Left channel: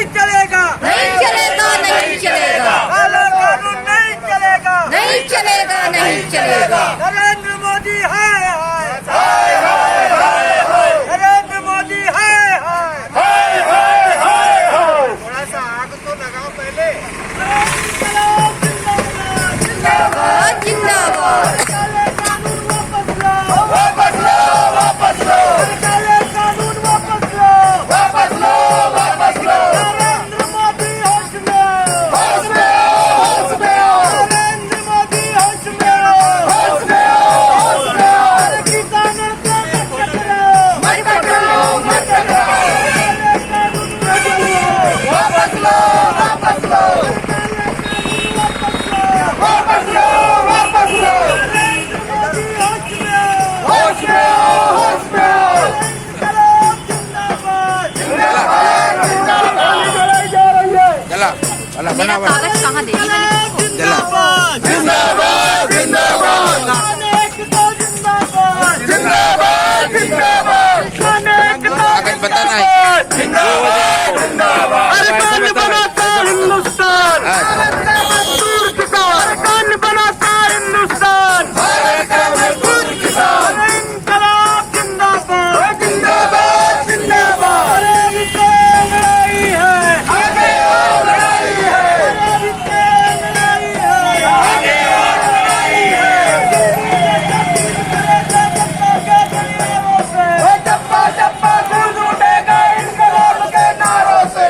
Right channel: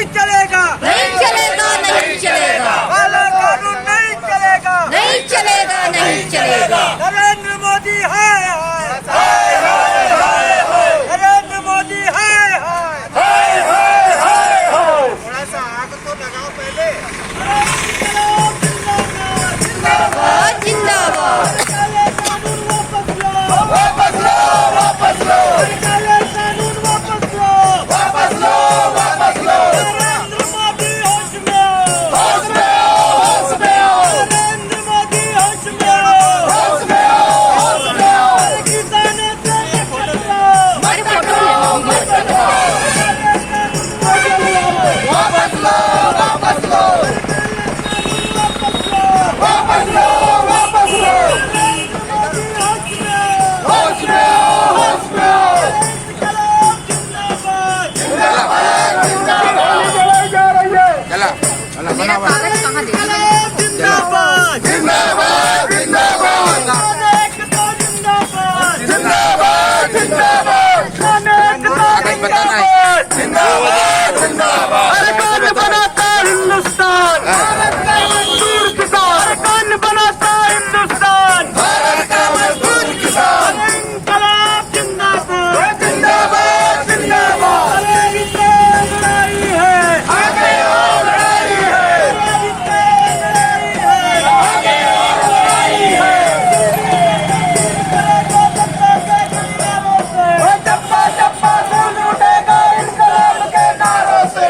नहीं चलेगा, नहीं चलेगा, नहीं चलेगा, काला कानून नहीं चलेगा, नहीं चलेगा, नहीं चलेगा। नरेंद्र मोदी हाय हाय, नरेंद्र मोदी हाय हाय, थोड़ा सा आग तो लगाओ पहले। जिंदाबाद, जिंदाबाद, काले कानून वापस लो, वापस लो, वापस लो, काले कानून वापस लो, वापस लो, वापस लो। नरेंद्र मोदी होश में, होश में, होश में, नरेंद्र मोदी होश में, होश में, होश में। किसानों से मत टकराओ, मत पकड़ो, मत पकड़ो। काले कानून वापस लो, वापस लो, वापस लो, वापस लो, वापस लो। नरेंद्र मोदी होश में, होश में, होश में। इंकलाब जिंदाबाद, जिंदाबाद, जिंदाबाद। जा रही है। मेरा कागज कहाँ दे दी मैंने? जिंदाबाद, जिंदाबाद, जिंदाबाद। खानेक तो जिंदाबाद, जिंदाबाद, जिंदाबाद। खानेक तो जिंदाबाद, जिंदाबाद, जिंदाबाद। अरकान बनाता हिंदुस्तान, मजदूर किसान, अरकान बनाता हिंदुस्तान, भारत का मजदूर किसान। इंकलाब जिंदाबाद, जिंदाबाद, जिंदाबाद। अरे लड़ाई है, आगे और लड़ाई है, लड़ाई है, आगे और लड़ाई है। चप्पा चप्पा गूंज उठेगा इंकलाब के नारों से,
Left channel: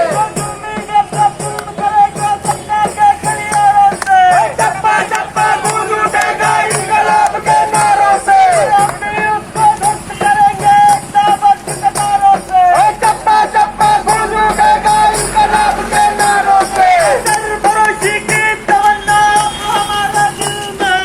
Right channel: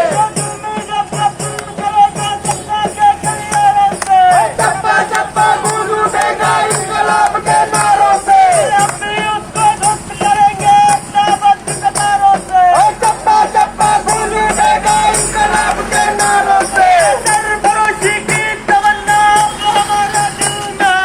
चप्पा चप्पा गूंज उठेगा इंकलाब के नारों से। अपनी उसको ध्वस्त करेंगे ताबत के नारों से, चप्पा चप्पा गूंज उठेगा इंकलाब के नारों से। सरफरोशी की तमन्ना हमारे दिल में,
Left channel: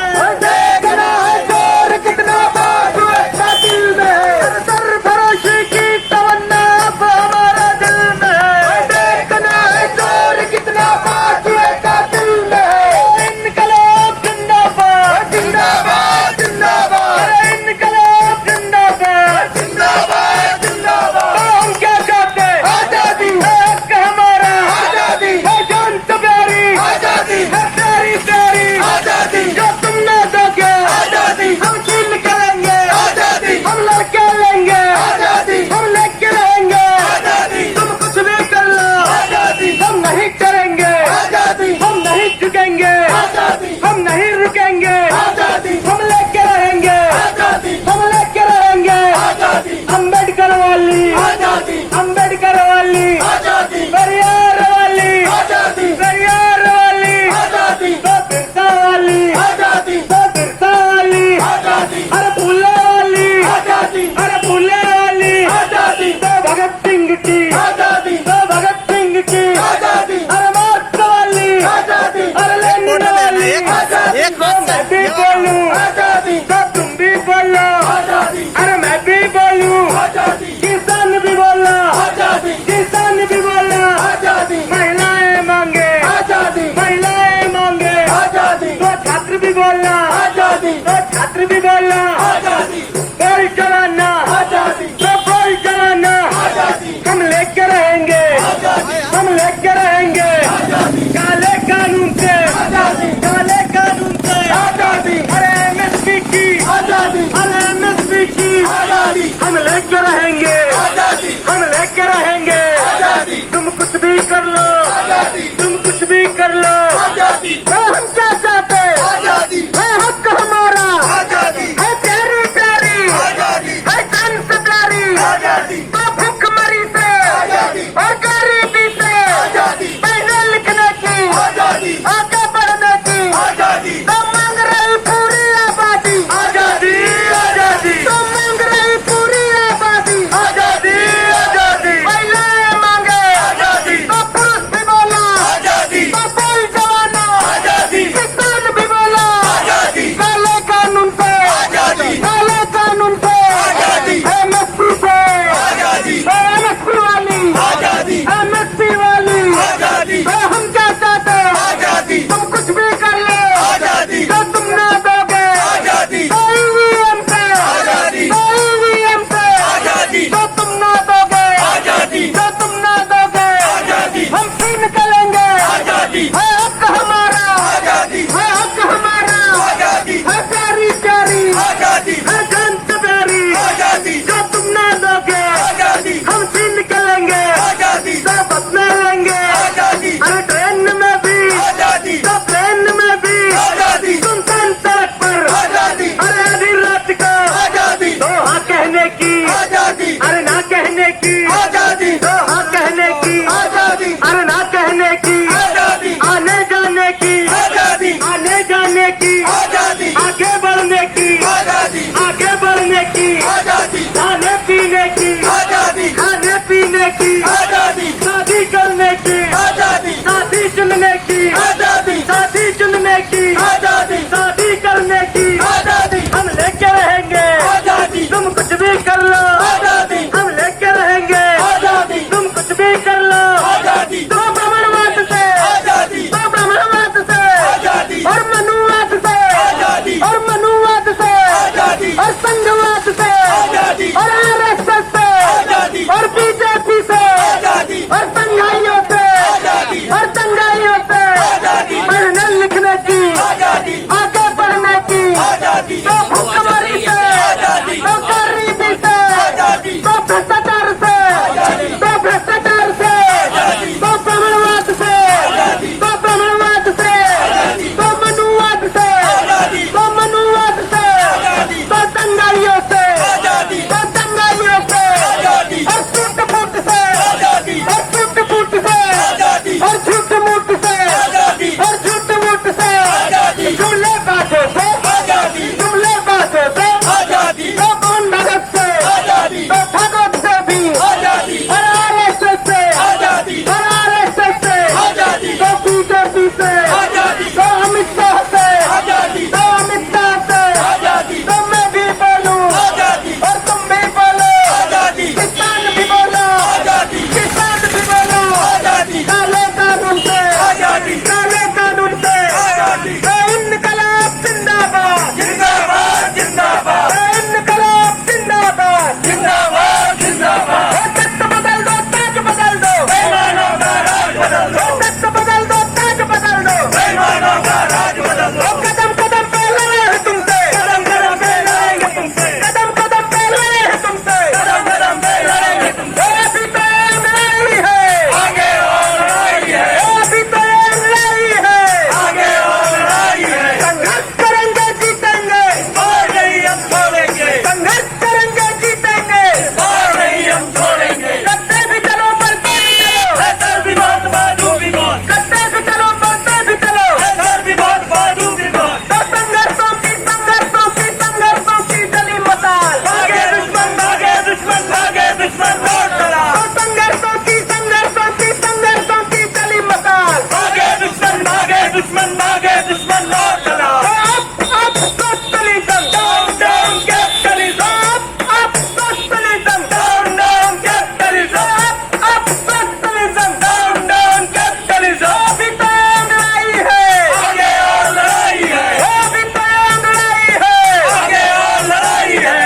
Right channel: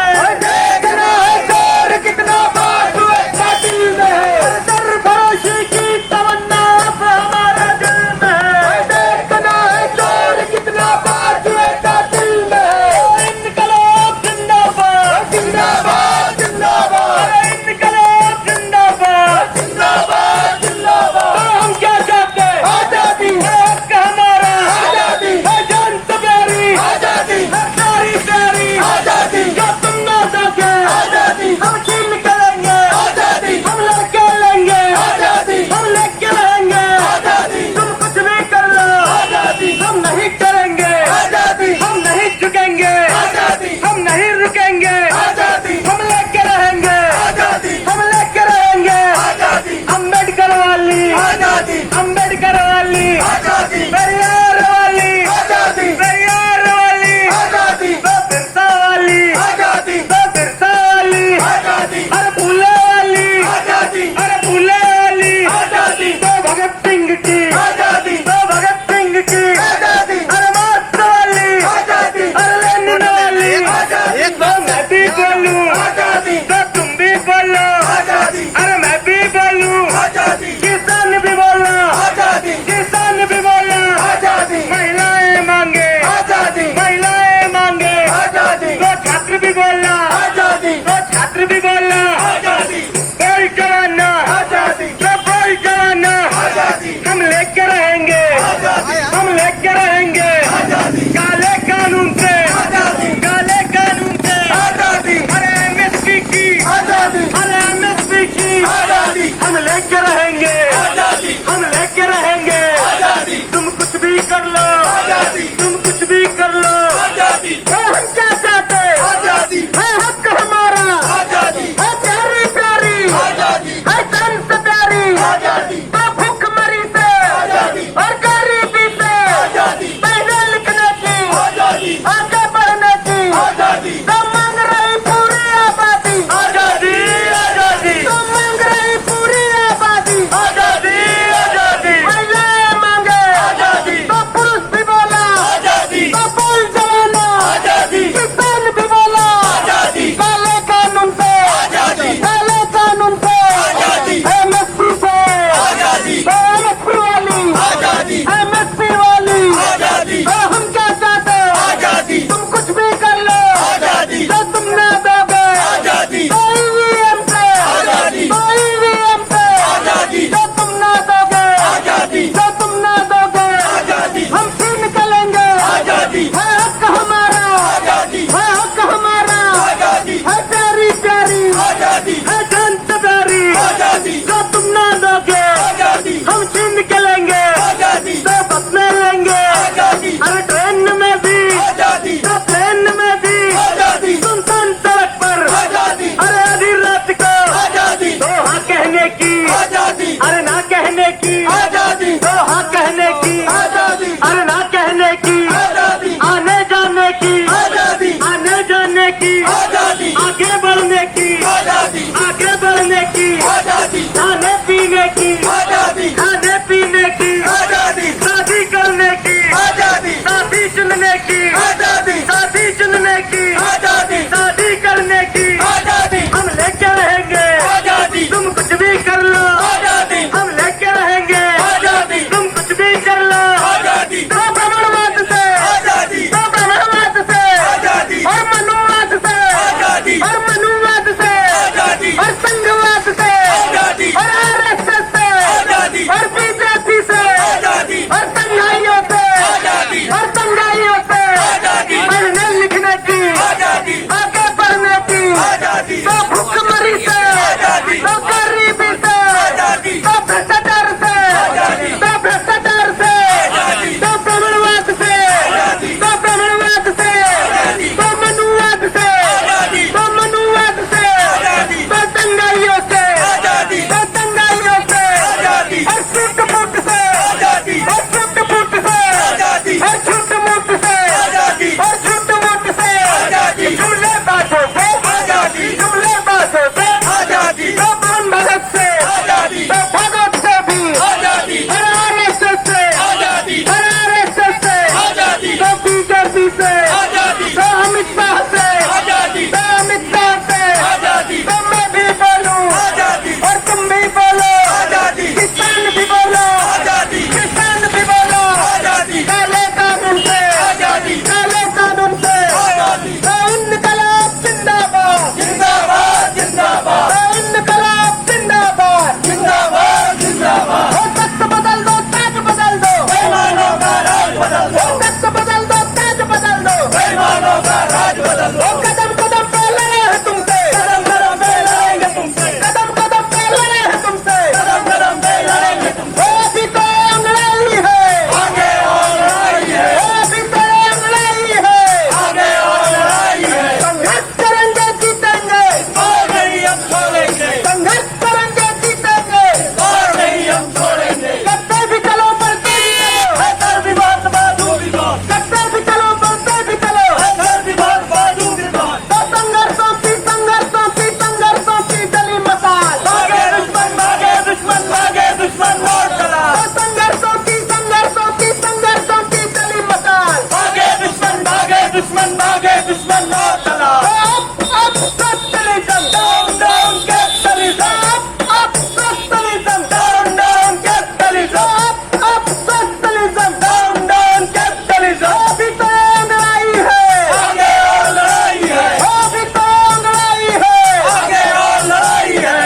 देख रहा है जोर कितना बाजू का दिल में। सरफरोशी की तमन्ना अब हमारा दिल में, देखना है जोर कितना बाजू का दिल में। इंकलाब जिंदाबाद, जिंदाबाद, जिंदाबाद। इंकलाब जिंदाबाद, जिंदाबाद, जिंदाबाद। तो हम क्या चाहते हैं? आजादी, हक हमारा, आजादी, जान तुम्हारी, आजादी, सारी तेरी, आजादी, जो तुम ना सके, आजादी, हम छीन करेंगे, आजादी, हम लड़के लेंगे, आजादी, हम लेके रहेंगे, आजादी, तुम कुछ भी कर लो, आजादी, हम नहीं करेंगे, आजादी, हम नहीं झुकेंगे, आजादी, हम नहीं रुकेंगे, आजादी, हम लेके रहेंगे, आजादी, हम लेके रहेंगे, आजादी। अम्बेडकर वाली आजादी, अम्बेडकर वाली आजादी, पेरियार वाली आजादी, पेरियार वाली आजादी, बिरसा वाली आजादी, बिरसा वाली आजादी, अरे फूले वाली आजादी, अरे फूले वाली आजादी, भगत सिंह की आजादी, भगत सिंह की आजादी, अरे मार्क्स वाली आजादी, अरे लेनिन वाली आजादी। मैं भी बोलूं आजादी, तो तुम भी बोलो आजादी, अरे मैं भी बोलूं आजादी, किसान भी बोलो आजादी, किसान भी बोलो आजादी। महिलाएं मांगे आजादी, महिलाएं मांगे आजादी, तो छात्र भी बोलना आजादी, तो छात्र भी बोलना आजादी। कोई कराना आजादी, तो कोई कराना आजादी, हम लेकर रहेंगे आजादी, हम लेकर रहेंगे आजादी। काले कानून से आजादी, काले कानून से आजादी, अरे एमएसपी की आजादी, अरे एमएसपी की आजादी, हम लेकर रहेंगे आजादी, हम लेकर रहेंगे आजादी। तुम कुछ भी कर लो आजादी, तुम कुछ भी कर लो आजादी। हम क्या चाहते आजादी, है हक हमारा आजादी, है प्यारी प्यारी आजादी, है संस्कारी आजादी, तो भूखमरी से आजादी, और गरीबी से आजादी, पढ़ने लिखने की आजादी, आगे बढ़ने की आजादी। तो मांग रही पूरी आबादी आजादी, आजादी, तो मांग रही पूरी आबादी आजादी, आजादी। महिलाएं मांगे आजादी, तो पुरुष भी बोला आजादी, तो कोई जवाना आजादी। खाने पीने की आजादी, खाने पीने की आजादी, शादी करने की आजादी, शादी चुनने की आजादी, शादी चुनने की आजादी, शादी करने की आजादी, हम लेके रहेंगे आजादी, तुम कुछ भी कर लो आजादी, हम लेके रहेंगे आजादी, तुम कुछ भी कर लो आजादी, तो ब्राह्मणवाद से आजादी, तो ब्राह्मणवाद से आजादी, और मनुवाद से आजादी, और मनुवाद से आजादी, और संघवाद से आजादी, और आरएसएस से आजादी, और बीजेपी से आजादी, और संघाइयों से आजादी, और संघाइयों से आजादी, पढ़ने लिखने की आजादी, आगे बढ़ने की आजादी, तो भुखमरी से आजादी, तो गरीबी से आजादी, तो भ्रष्टाचार से आजादी, तो भ्रष्टाचार से आजादी, तो ब्राह्मणवाद से आजादी, तो ब्राह्मणवाद से आजादी, तो मनुवाद से आजादी, तो मनुवाद से आजादी, तो दंगाइयों से आजादी, तो दंगाइयों से आजादी, और झूठ मूठ से आजादी, और झूठ मूठ से आजादी, और झूठ मूठ से आजादी, और झूठ मूठ से आजादी, जुमले बातों से आजादी, जुमले बातों से आजादी, तो मोहन भगत से आजादी, तो भगत से भी आजादी, और आरएसएस से आजादी, और आरएसएस से आजादी, तो बीजेपी से आजादी, तो अमित शाह से आजादी, तो अमित शाह से आजादी, तो मैं भी बोलूं आजादी, और तुम भी बोलो आजादी, किसान भी बोलो आजादी, किसान भी बोलो आजादी, काले कानून से आजादी, काले कानून से आजादी, इनकलाब जिंदाबाद, जिंदाबाद, जिंदाबाद, इनकलाब जिंदाबाद, जिंदाबाद, जिंदाबाद, तख्त बदल दो, ताज बदल दो, बेईमानों का राज बदल दो, तख्त बदल दो, ताज बदल दो, बेईमानों का राज बदल दो, कदम कदम पे लड़े हैं तुमसे, कदम कदम पे लड़ेंगे तुमसे, कदम कदम पे लड़े हैं तुमसे, कदम कदम पे लड़ेंगे तुमसे, अभी तो लड़ाई है, आगे और लड़ाई है, अभी तो लड़ाई है, आगे और लड़ाई है, संघर्ष करेंगे जीतेंगे, और नहीं हम छोड़ेंगे, संघर्ष करेंगे जीतेंगे, और नहीं हम छोड़ेंगे, कत्ते भी चलो बढ़ते भी चलो, बेहतर भी बात बाजू भी बात, कत्ते भी चलो बढ़ते भी चलो, बेहतर भी बात बाजू भी बात, तो संघर्षों की गली मसाल, भागे दुश्मन लौट चला, तो संघर्षों की गली मसाल, भागे दुश्मन लौट चला, up socialism, down down capitalism, up socialism, down down capitalism, up socialism, down down capitalism, अभी तो लड़ाई है, आगे और लड़ाई है, अभी तो लड़ाई है, आगे और लड़ाई है,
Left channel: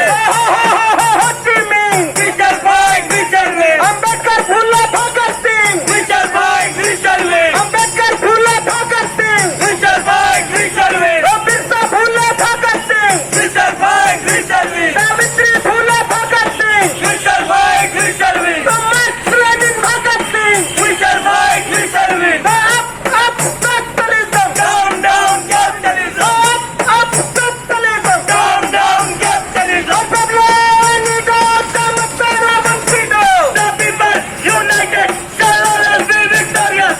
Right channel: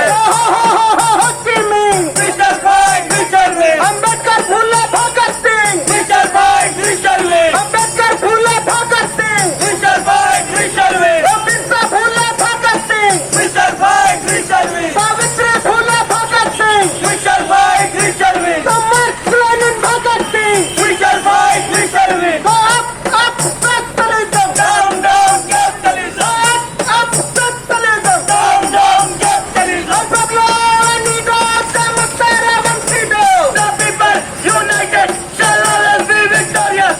Mr. Bhai, Mr. Win, Ambedkar Phule Bhagat Singh, Mr. Bhai, Mr. Win, Ambedkar Phule Bhagat Singh, Mr. Bhai, Mr. Win, Birsa Phule Bhagat Singh, Mr. Bhai, Mr. Win, Savitri Phule Bhagat Singh, Mr. Bhai, Mr. Win, marks Lenin Bhagat Singh, Mr. Bhai, Mr. Win, up capitalism, down down capitalism, up capitalism, down down capitalism, united, shall always be victorious.